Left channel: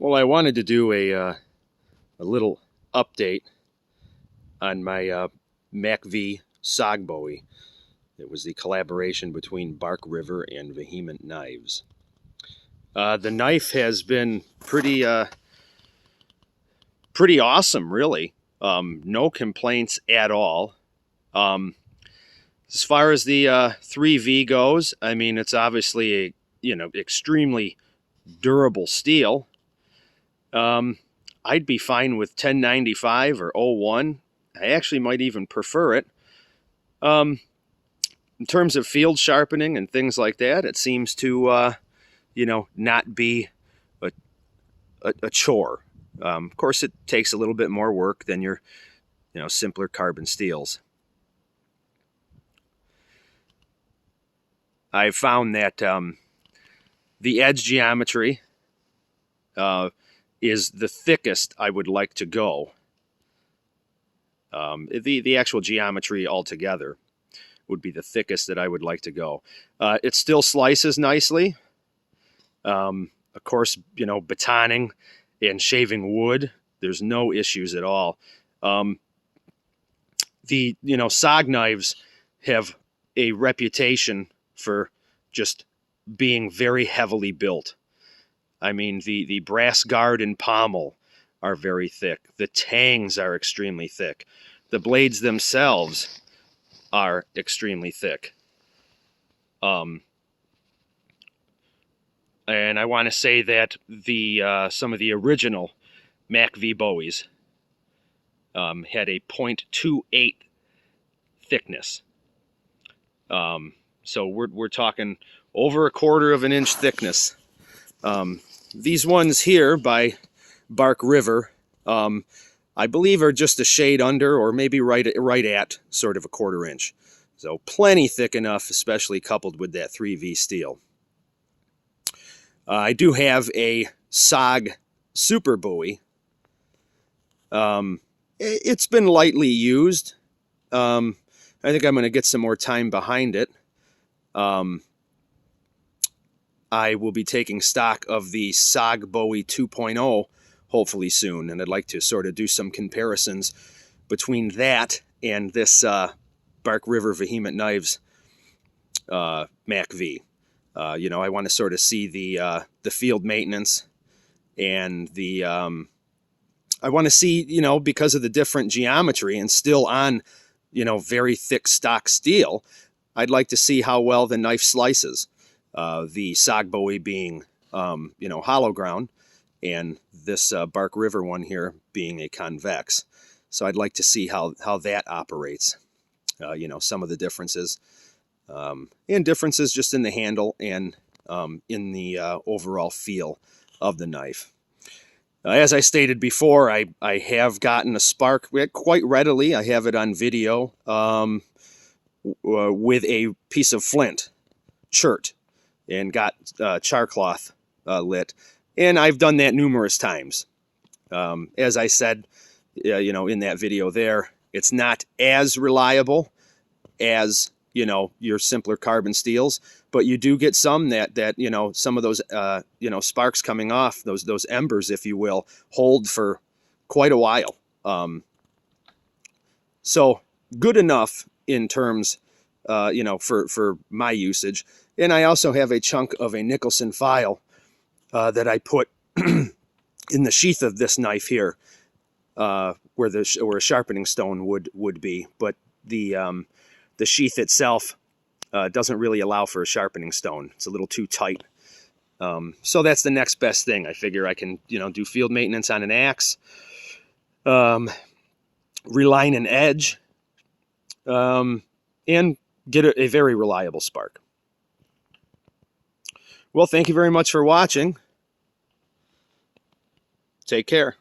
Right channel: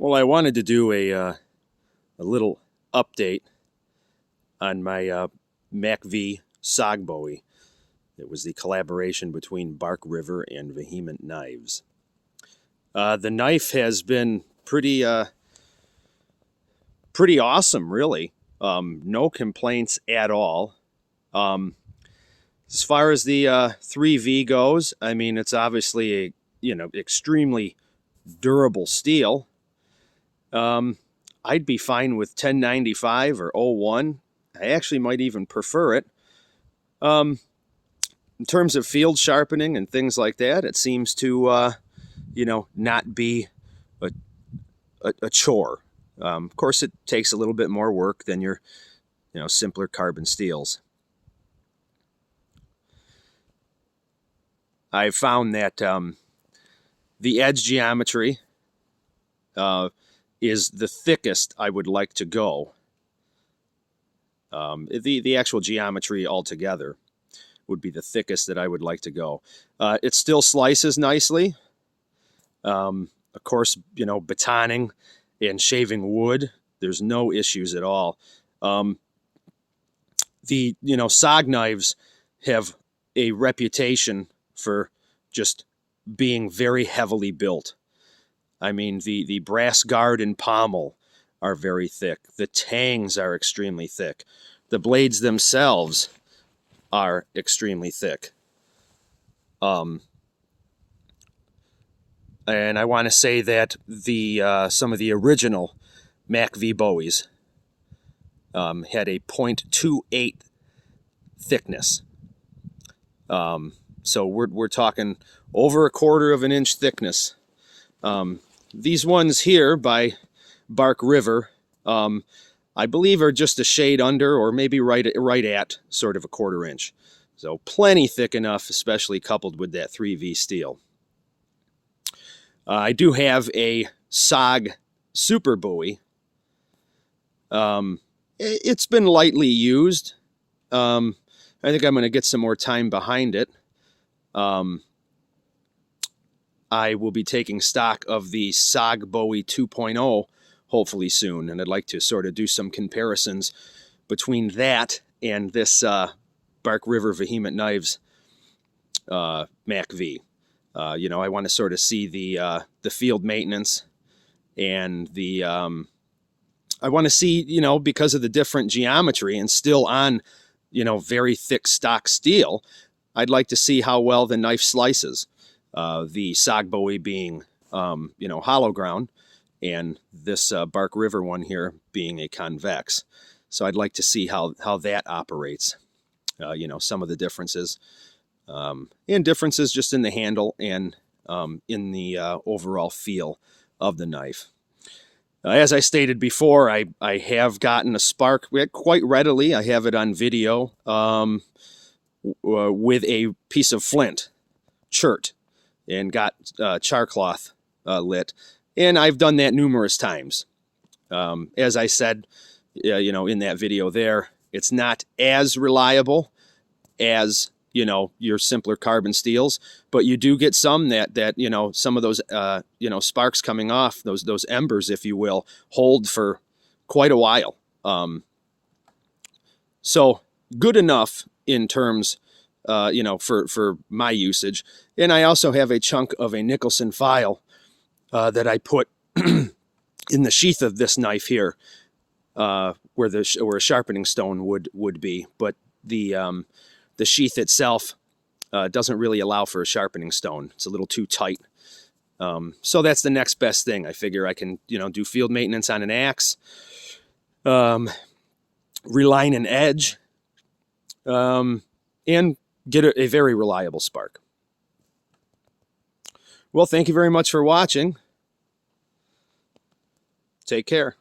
Well, I wanted to do a little update on my MACV SOG Bowie. It was the collaboration between Bark River and Vehement Knives. The knife has been pretty awesome, really. No complaints at all. Um, as far as the 3V goes, I mean, it's obviously a extremely durable steel. Um, I'd be fine with 1095 or 01. I actually might even prefer it. Um, in terms of field sharpening and things like that, it seems to, not be a, a chore. Of course, it takes a little bit more work than your, simpler carbon steels. I've found that the edge geometry is the thickest I would like to go. The actual geometry altogether would be the thickest that I would like to go. It still slices nicely. Of course, batoning and shaving wood, there's no issues at all. The SOG knives have a reputation for just being very heavily built. I mean, the brass guard and pommel are very thick. The tangs are extremely thick. The blades themselves are extremely thick. And I want to say that the some of the original MACV Bowies had a 0.28 thickness. So we're talking over a quarter of an inch thickness. These ones here by Bark River, I believe are just a shade under, or maybe right at sort of a quarter inch. So plenty thick enough, especially coupled with that 3V steel. I do have a SOG Super Bowie. It's been lightly used. I think I'm going to get some more time behind it. I will be taking stock of the SOG Bowie 2.0 hopefully soon, and I'd like to sort of do some comparisons between that and this Bark River Vehement Knives MACV. I want to sort of see the field maintenance and the I want to see, because of the different geometry and still on, very thick stock steel, I'd like to see how well the knife slices. The SOG Bowie being, hollow ground, and this Bark River one here being a convex. So I'd like to see how that operates. Some of the differences, and differences just in the handle and in the overall feel of the knife. As I stated before, I have gotten a spark quite readily. I have it on video with a piece of flint, chert, and got char cloth lit. And I've done that numerous times. As I said, in that video there, it's not as reliable as, your simpler carbon steels, but you do get some that some of those, sparks coming off, those embers, if you will, hold for quite a while. So good enough in terms, for my usage. And I also have a chunk of a Nicholson file that I put in the sheath of this knife here, where a sharpening stone would be, but the sheath itself doesn't really allow for a sharpening stone. It's a little too tight. So that's the next best thing. I figure I can, do field maintenance on an axe, reline an edge, and get a very reliable spark. Well, thank you very much for watching. Take care.